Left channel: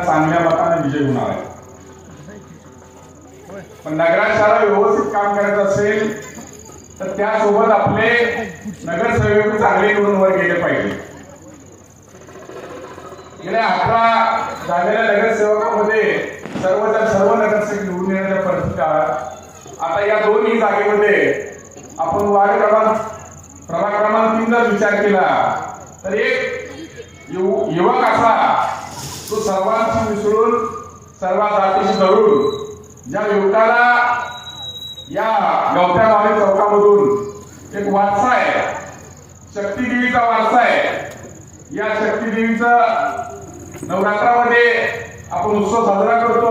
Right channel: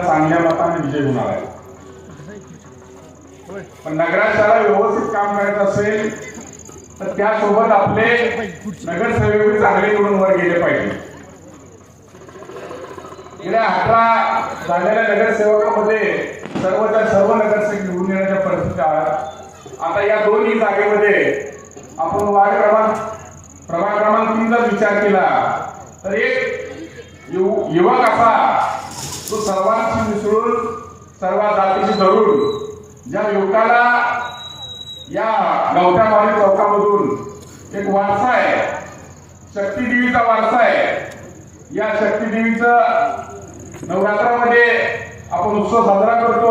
त्यांना चांगल्या मताने विजय होणार आहे. पण नगराशाला व्यवस्थित काम करायचं असेल तर त्यासोबत आपले नगरसेवक चांगले निवडून वर गेले पाहिजे. गेल्या अठरा झालेल्या नगरसेवकामध्ये सर्वच्या सर्व नगरसेवक निवडून येण्याच्या परिस्थिती आहेत. आता या दोन्ही जागेमध्ये आपण वार्ड क्रमांक प्रभाग क्रमांक तीनचा विचार केला. तर एक युवक असा तो सर्वांशी मिसळून सर्व जातीशी धरून ज्या युवकाला या गवठामारी चौकामधून एक वारसा आहे शक्तीदेवीचा वारसा आहे या शक्तीदेवीचं नवरात्रामध्ये आपण उत्सव साजरा करतो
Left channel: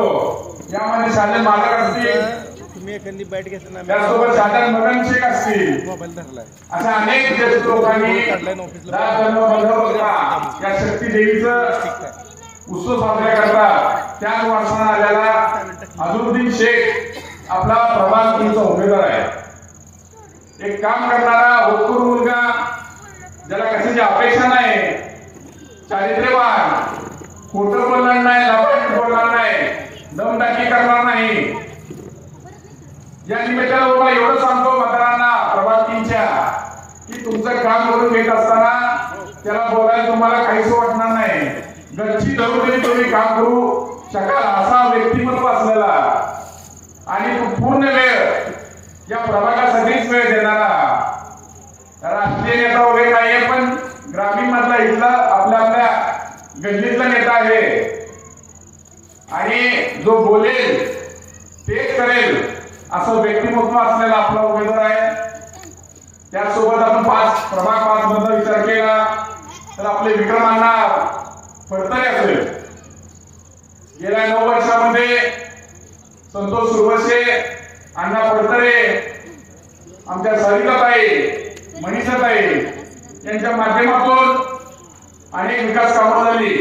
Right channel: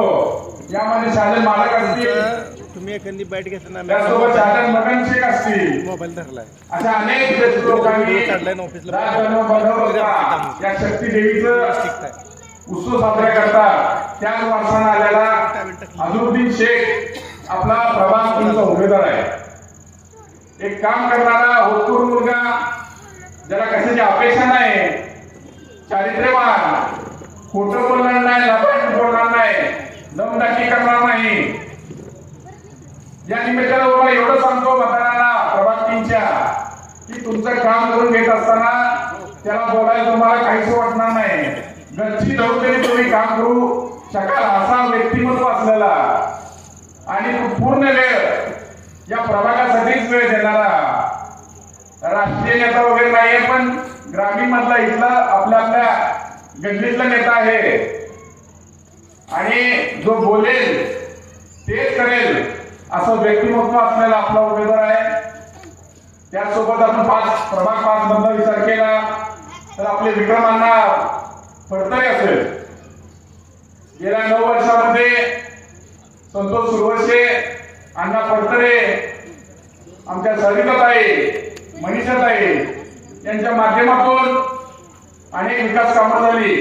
यामध्ये शालेय मालक असतील तुम्ही एखादी बॅट घेताना त्यासोबत शालेय मगन शेख असतील मोबाईल अशा अनेक लोकांनी या शक्ती देवीचं उत्सव साजरा करतात. त्याच वर्षानं आलेला अजरुद्दीन शेख आपला प्रभाग तुमचा उमेदवार आहे. एक काम करणारा होतकूर मुलगा ज्याला कशाची अपेक्षा नाही चारित्र्यवान खोटं बोलणार नाही लाभार्थी बोलणार नाही दमदाटी करणार नाही. या निमित्तानं तुम्हाला एवढं सांगतो मतदारांना प्रभाग तीनच्या की तुमचं काम करून घेत असताना त्याला बोलायला तुम्हाला काहीच वाटणार नाही. गच्ची धरून तरी तुम्ही काम करू शकाल असा व्यक्तिमत्व असलेला. आणि पूर्ण वेळ या प्रभागासाठीच वेळ देणारा. राष्ट्रीय नेता वगैरे नाहीये पण ग्रामीण मधला इथला आपल्या आपल्या गल्लीतला नेता आहे. आणि जो बोलेल तेच करेल असं व्यक्तिमत्व असलेला आपला उमेदवार आहे. त्यासोबत आपण पाच प्रभाग पाच मधला विचार केला. तर आपले विक्रमांना फडतरे असेल. गेल्या नऊ वर्षामध्ये संतोष सुरवसे अण्णा फडतरे आमच्या सरिताताई मनीषाताई यांच्या माध्यमातून अनेक विकास कामं झाली.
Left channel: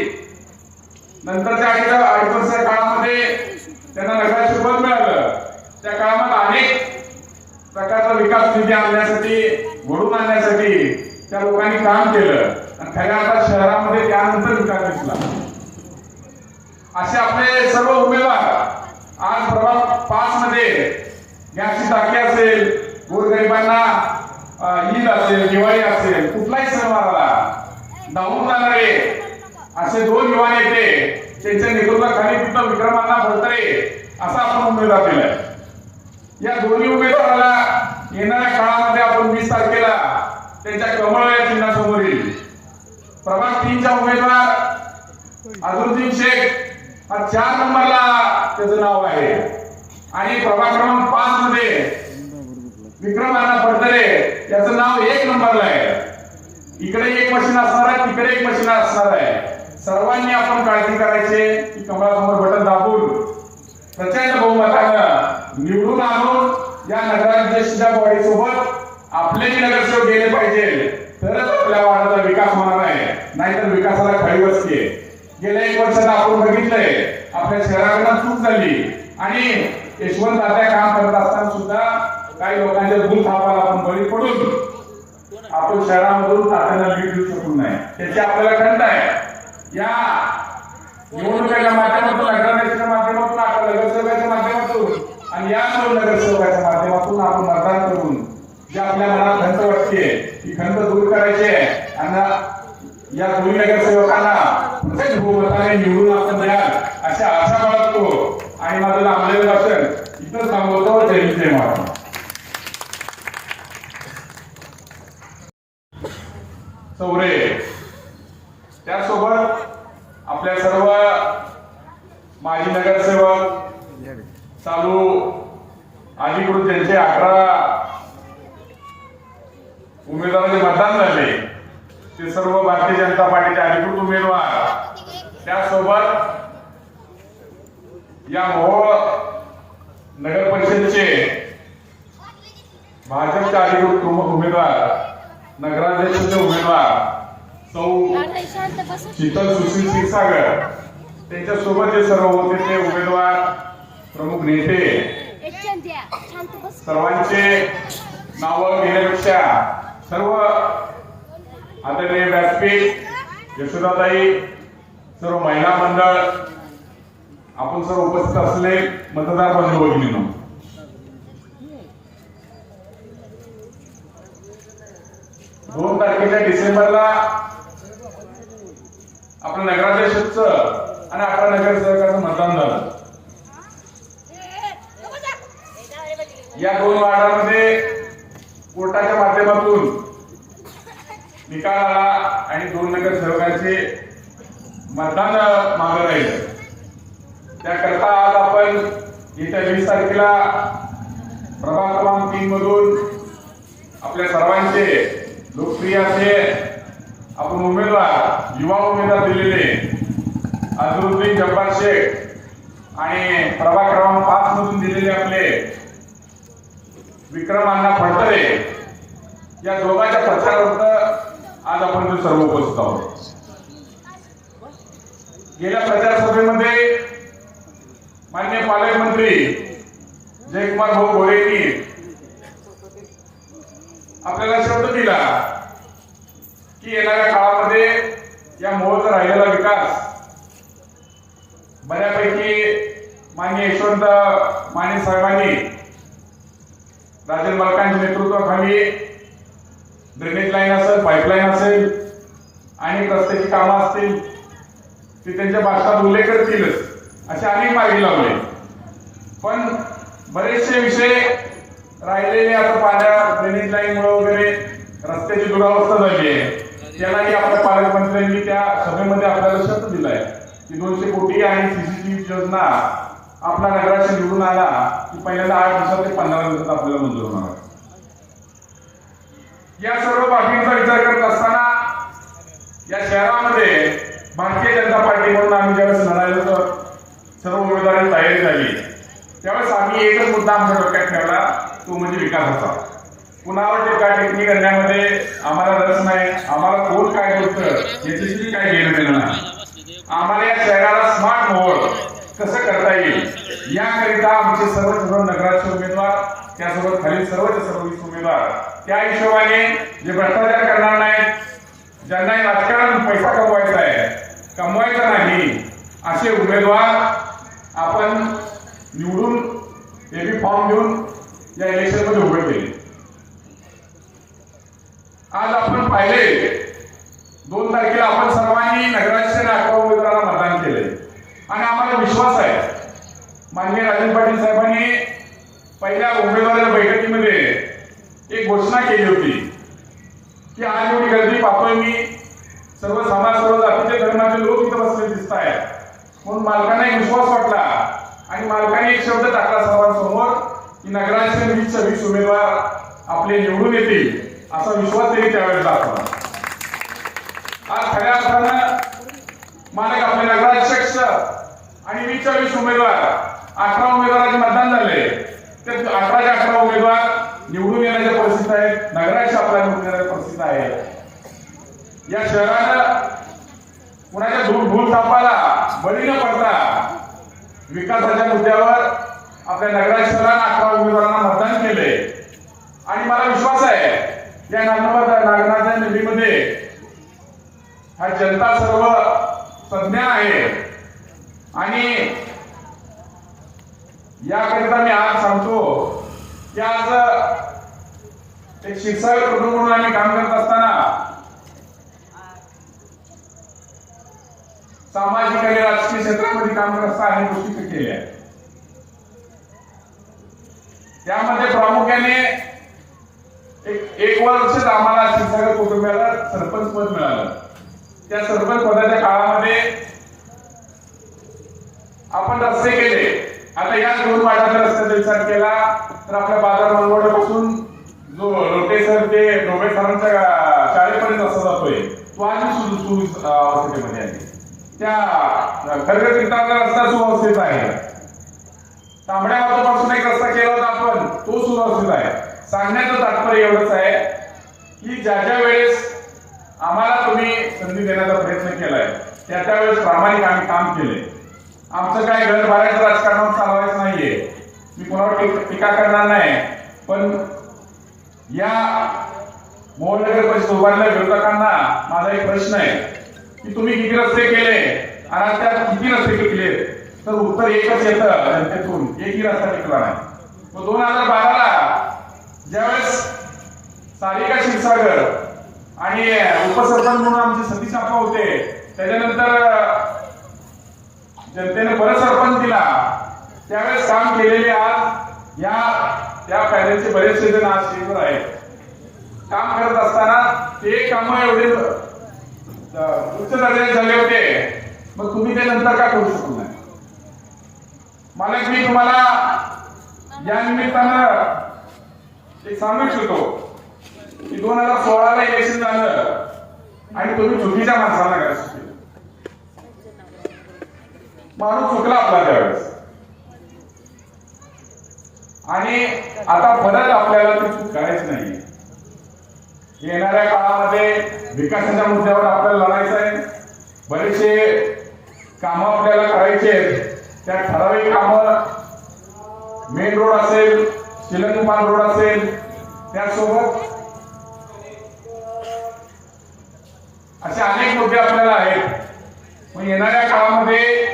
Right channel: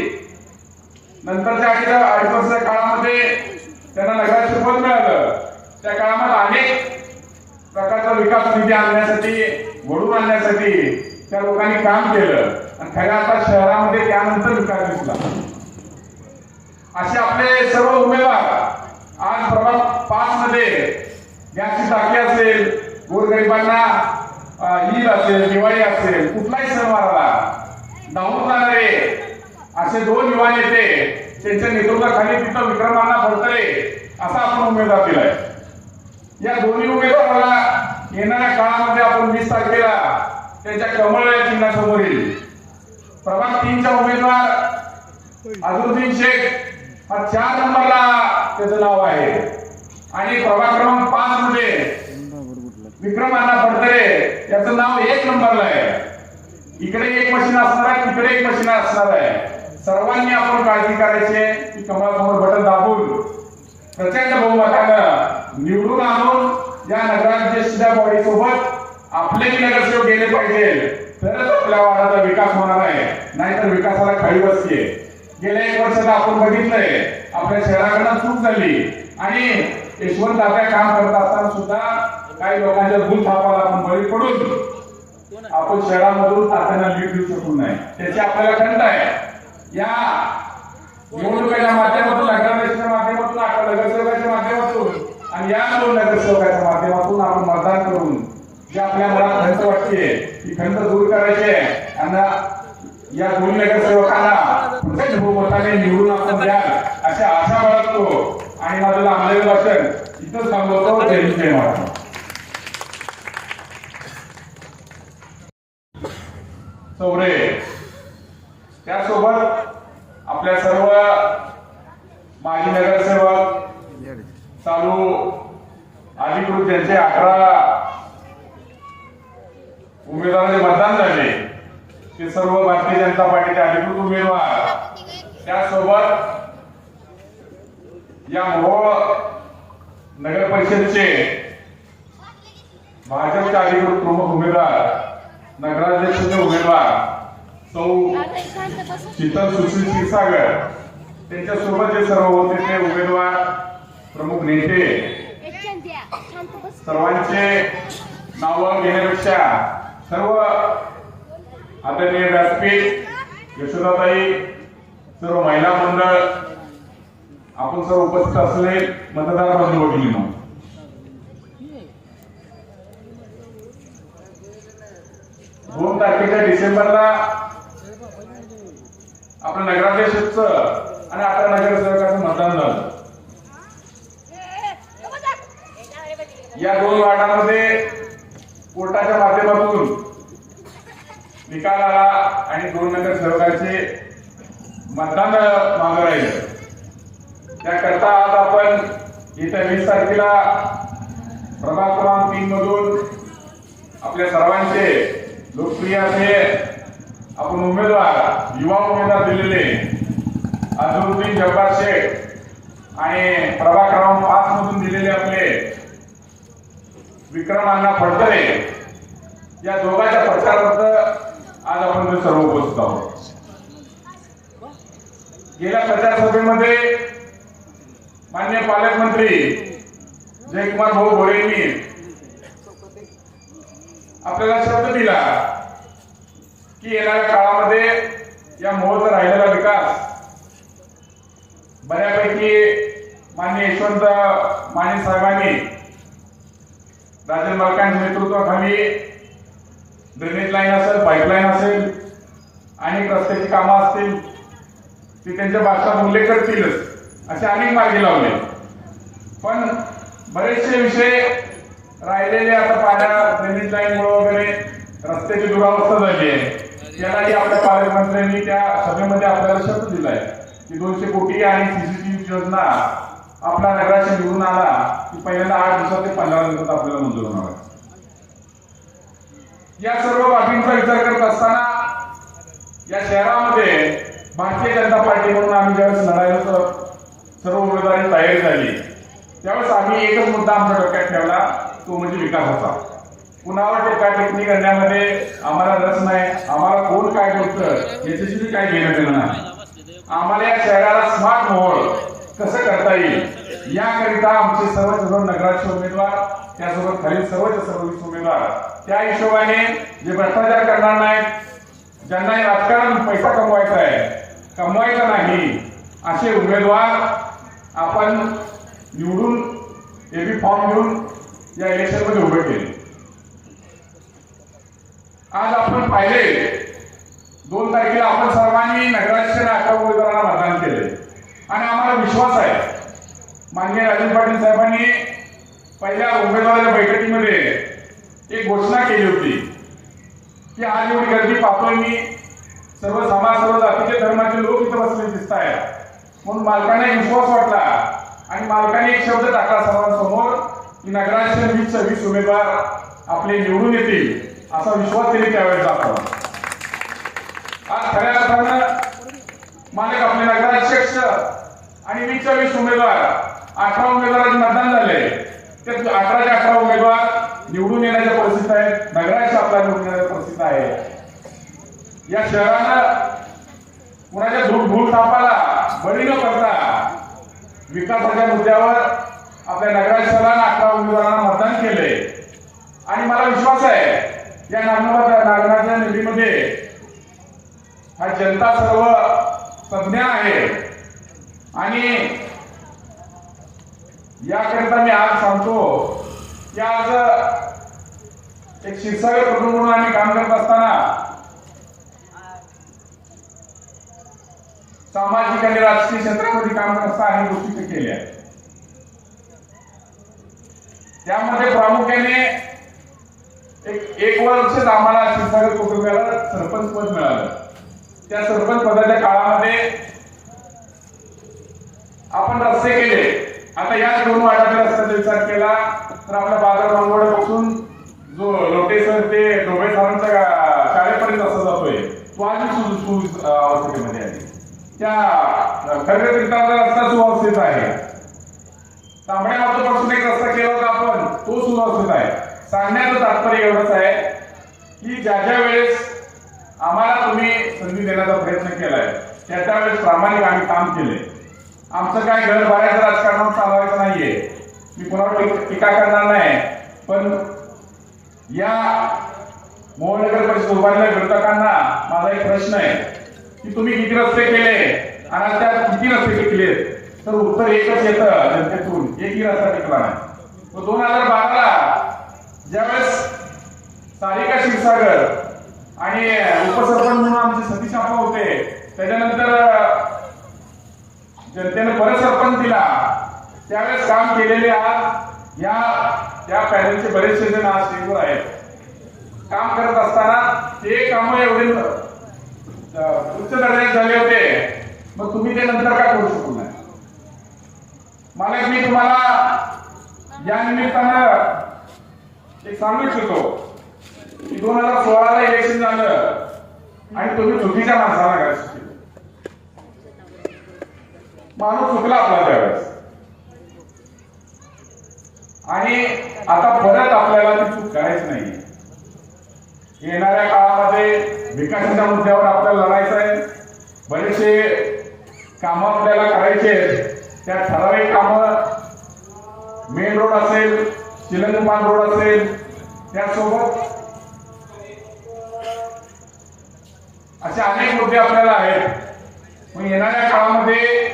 नंतरच्या अडीच अडीच वर्षाच्या काळामध्ये त्यांना नगराची पद मिळालं त्या काळामध्ये अनेक प्रकारचा विकास निधी आणण्यासाठी घडून आणण्यासाठी त्या लोकांनी काम केलं. आणि खऱ्या शहरामध्ये त्यानंतर विकास दिसला. असे आपले सर्व उमेदवार आज प्रभाग पाच मध्ये गॅसची टाकी असेल गोरगरिबांना ईद असेल दिवाळी असेल कुठलाही सणवार आला धावून जाणारे असे दोन युवा नेते त्यांच्या नेतृत्वाखाली तिथं विक्रमांना भरतरे असा आपण उमेदवार दिलाय. या दोन्ही उमेदवाराला येणाऱ्या काळामध्ये आपण वीस तारखेला त्यांच्या कमळ या चिन्हासमोर येईल प्रभाग तीनचा उमेदवार अझरुद्दीन शेख हा चार नंबरला त्याचं नाव आहे. आणि प्रभाग क्रमांक पाच मध्ये विक्रम अण्णा फडतरे याचं नाव एक नंबरला आहे. इकडे एक मशीन असणार आहे तिकडे एक मशीन असणार आहे. सर्वांनी आपण काळजी करायची की कमळासमोर बटन दाबून. प्रचंड बहुमतानं निवडून आणून या नगराध्यक्षच्या बॉडी सोबत आपले नगरसेवक गेले पाहिजे. तरच आपल्या वार्डाचा विकास होणार आहे. नाहीतर विकासाला खाली बसते गेल्या एक वर्षात आपण बघितलंय आपल्या शहराकडनं चूक झाली. आणि यशवंत दादा काम करत असताना सुद्धा काही लोकांच्या भूल थापाला आपण बळी पडून आपण शहरामधून तात्यांना लीड देऊ शकू नाही. त्याची आपल्याला खंत आहे. या निवडणुकीच्या माध्यमातून नगराध्यक्षाच्या माध्यमातून आपल्या नगरसेवकाच्या माध्यमातून आणि या नगरसेवकाच्या माध्यमातून आपण मतदान करून जे आपल्या मनात खंत वाटते खंत दूर करायचे. आहे आणि या दोन्ही नगरसेवकांना प्रत्येक बहुमताने निवडून आपण द्याल अशा आशा बाळगतो. आणि माझं लांबलेलं भाषण इथंच थांबवतो. जय हिंद, जय महाराष्ट्र. चौरे त्यासोबत आपल्या सर्व माजी नगरसेवक चालू अधिकृत त्यांचे अठरा उमेदवारांचे मतदान झाले. ते सर्व भारतीय जनता पार्टीचे अधिकृत उमेदवार. त्यासोबत या मोहोळ नगर परिषदेचे भाजपचे अधिकृत प्रमुख उमेदवार नगराध्यक्षाचे उमेदवार सौ शीतल सुशील क्षीरसागर. त्यांच्यासोबत जे सर्व होते ते उमेदवार प्रमुख नेते. सर्वांचे नावं घेण्यापेक्षा सर्व आदरणीय व्यासपीठ यशोदाताई सर्व महिला मंडळ आपण सर्व उपस्थित असले मतदार बंधू भगिनींनो. दोन तारखेच्या डिसेंबरला आपल्या नगराध्यक्षच आणि अकरा नगरसेवकाचं मतदान झालं. या दोन वार्डामध्ये कोर्टाच्या माध्यमातून निकाल आला आणि दोन नगरसेवकांचे मतदान मागं राहिले. त्याकरता आज आपण येत्या वीस तारखेला प्रभाग क्रमांक तीन मधून आपल्या सर्वांचे लोकप्रिय असे आपण उमेदवार युवा उमेदवार दिलेले अझरुद्दीन जब्बार शेख आणि प्रभाग क्रमांक पाच मधून दिलेले आपले विक्रम अण्णा फडतरे. या दोघांच्या प्रचारार्थ आज आपण ते सर्व उपस्थित आहोत. गेल्या प्रचारसभेमध्ये मान्य पालकमंत्री जयकुमार भाऊ घोळे यांनी आपल्याला शब्द दिला की येणाऱ्या काळामध्ये या मोहचा राहिलेला विकास बऱ्यापैकी मान्य यशवंत माने साहेबांनी राजन बालकांच्या नेतृत्वाखाली ड्रेनेज लाईन असेल पाईपलाईन असेल आणि रस्त्याची कामं असतील ते त्यांच्या भाषणात उल्लेख करतीलच. असे अनेक मार्गी लावले. पण बरेचसे विषय राहिलेले आता पाण्या ड्रेनेज लाईन वगैरे रस्त्याची दुरावस्था झाली आहे. त्यालाही आपल्या पालकमंत्र्यांनी त्या सभेमध्ये आपल्याला शब्द दिलाय. की दोनशे कोटी आणि सीसीटीव्ही योजना आपला नगराशी निवडून आला की पहिल्यांदा आठ दिवसात ते पंधरा दिवसात आपल्याला मंजूर होणार आहे. या सर्व बाबींचा विचार करत असताना या शहरामध्ये भारतीय जनता पार्टी म्हणून आम्ही ज्यावेळेस लढायला तर सर्व उमेदवारी तयारी झाली. त्यावेळेस आम्ही एकच मुद्दा आमच्या डोक्यात ठेवला तो म्हणजे विकासाचा कुणावर टीका टिप्पणी करण्यामध्ये आम्हाला रस नाही आम्हाला कोण काय बोलतं याच्याशी काही घेणं देणं नाही. आम्हाला या शहराला स्मार्ट मोहर कसं करता येईल याकरिता आमचे सर्व सर्व नगराचे उमेदवार त्यासोबत खालील सर्वच सर्व उमेदवार त्या हिशोबाने जे भ्रष्टाचार करणार नाहीत ज्यांना राजकारण पैसा कमवायचा आहे कमवायचा नाही असे उमेदवार आपण निवडून एबी फॉर्म घेऊन या इलेक्शनमध्ये उभे केले. आज आपण पाहिले दोन तारखेला आपण सर्वांनी नगराध्यक्ष आणि अकरा उमेदवारांना मतदान केले. आणि आम्हाला विश्वास आहे. माननीय राजन पाटील साहेबांनी पहिल्या उमेदवाराच्या बैठकीमध्ये एक घोषणा केली होती. की आज एवढी गर्दी पाहतोय मी सर्व समाज सर्व जातीचे धर्माचे लोक इथं बसले दिसत आहेत म्हणून मालकांना एक विश्वास वाटला आणि मालकाने एक शब्द टाकला सर्वांसमोर की नगराचे वीस सव्वीस उमेदवार आपले निवडून येतील असा विश्वास त्यांनी त्यावेळेस दाखवला. आज खऱ्या अर्थानं मालक आपले नगराध्यक्ष आणि वीस सव्वीस उमेदवार अठरा उमेदवारांचे मतदान झाले. ते अठराच्या अठरा उमेदवार निवडून येण्याच्या परिस्थिती आहेत नगराध्यक्ष आपल्या निवडून येण्याच्या परिस्थिती आहे या शहराला कुणाच्या धूळ धूळ तापाला बळी न पडता विकासाच्या मुद्द्यावर आपल्या नगराध्यक्षाला अकरा उमेदवारांना मतदान केले आणि मला विश्वास आहे या नागनाथ निधीमध्ये हा जनता सर्व तज्ञ आहे. आणि याकरिता मी आज सांगतो की आज एक क्षीरसागर प्रभू म्हणून आम्ही काम करत असताना सामाजिक आणि राजकीय क्षेत्रामध्ये काम करत आहे गोष्टी ते केल्या. त्यामध्ये प्रामुख्याने एक एक वर्षच आम्हाला क्षीरसागर कुटुंबियाला सरपंच पद मिळालं. त्या सरपंच पदाच्या काळामध्ये आपण रस्ते केले. आता या दोन वाटाच्या रस्त्याचा विचार केला तर आपल्या बाजार मंगवड्यापासून जो लोटेसर ते डोबे सरांच्या शाळेपर्यंत असा जातोय तो आणि सुविध त्या खरगे तीर्थांचा रस्ता सुव्यवस्थित आहे. तांबड्या मातीपासून एक रस्ता केला होता आपण तो सुव्यवस्थित आहे. सांगण्याचं तात्पर्य एवढंच आहे की ज्या ज्या वेळेस आम्हाला तुम्ही संधी देण्याचा प्रयत्न केलाय त्या त्यावेळेस प्रामाणिक आम्ही काम केले. आमचं काय घर भरायचं राजकारणात चालवायचं नाहीये. मी कोणावर टीका करणार नाही. पण या मोहोळ परिषद उभारल्या विरोधकांना माझा एक प्रश्न आहे. की तुम्ही किती रस्ते केले? आणि त्यात किती रस्ते केले तर उत्तर एकच येतं जनतेतून. एकही रस्ता टिकला नाही. मग दोन हजार बाराला ज्यावेळेस सारिका क्षीरसागर आणि उपसरपंच म्हणून आमचे सतीश आप्पा होते त्याच्यानंतर जनतेने परत सरपंच दिला. त्यावेळेस काम केलेले आज या त्या पॅनलचे बरेचसे जण आज स्टेजवर आहेत. काम करत असताना ते काम एवढे उच्च दर्जाचे झाले होते. मग तुम्ही ते नंतर का करू शकत नाही मला मी तुम्हाला या निमित्तानं एक सांगू इच्छितो की दोन हजार सोळाला इलेक्शन झालं आणि तुम्ही चुकीच्या माणसाला काय माणूस चुकला आपला त्यावेळेस. आणि आता परत आपल्याला ती चूक करायची नाही येणाऱ्या काळामध्ये विकासाच्या मुद्द्यावर आपल्याला लढायचं आहे. बरेचसे कामं आपल्याला करायचे आहेत. त्या ठराविक कामं मेन रोड असेल शिलंगपान रोड असेल त्यासोबत असे अनेक मुद्दे आपल्याला आहेत. पण येणाऱ्या काळामध्ये